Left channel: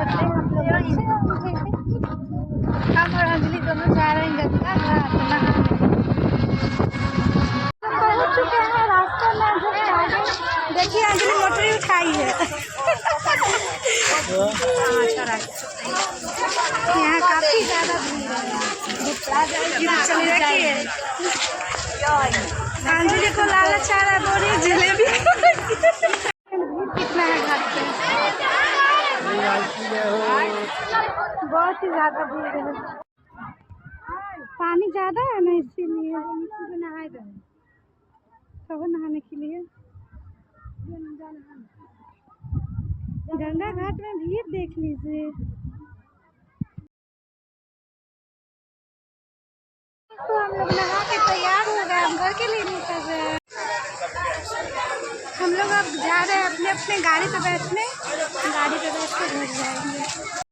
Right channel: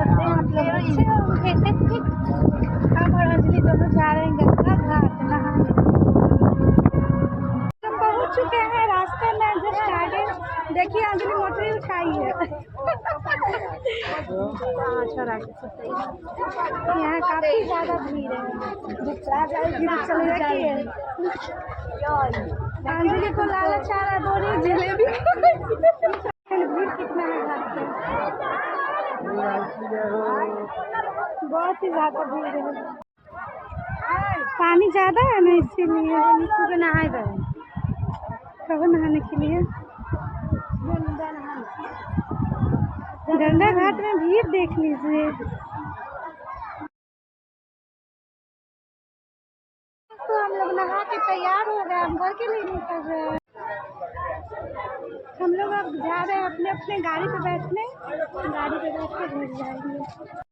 करते हैं आप लोग अच्छे होंगे। हम और अंजलि दोनों जा रहे हैं गंगा घाट नहाने। तो पहुँच चुके हैं रास्ते में जस्ट आगे। देखिए अंजलि मोटरी उठाई है। यहाँ काफी ज्यादा भीड़ है। चली रखिए अंजलि को लालच आ रहा है, बोरी जलेबी। भीड़ कितना है घर पे, बहुत ही ज्यादा भीड़ है। पानी ज्यादा है ना, इसीलिए सुबह नहाए गए कब नहाने के लिए। गंगा घाट में भीड़ देख लीजिए। तो हम लोग नहा के तैयार हो गए, हम घर के लिए निकल रहे हैं। हम लोग अब जा रहे हैं अपने अपने गाड़ी पे बैठने, गाड़ी पे बैठ के घर जाएंगे।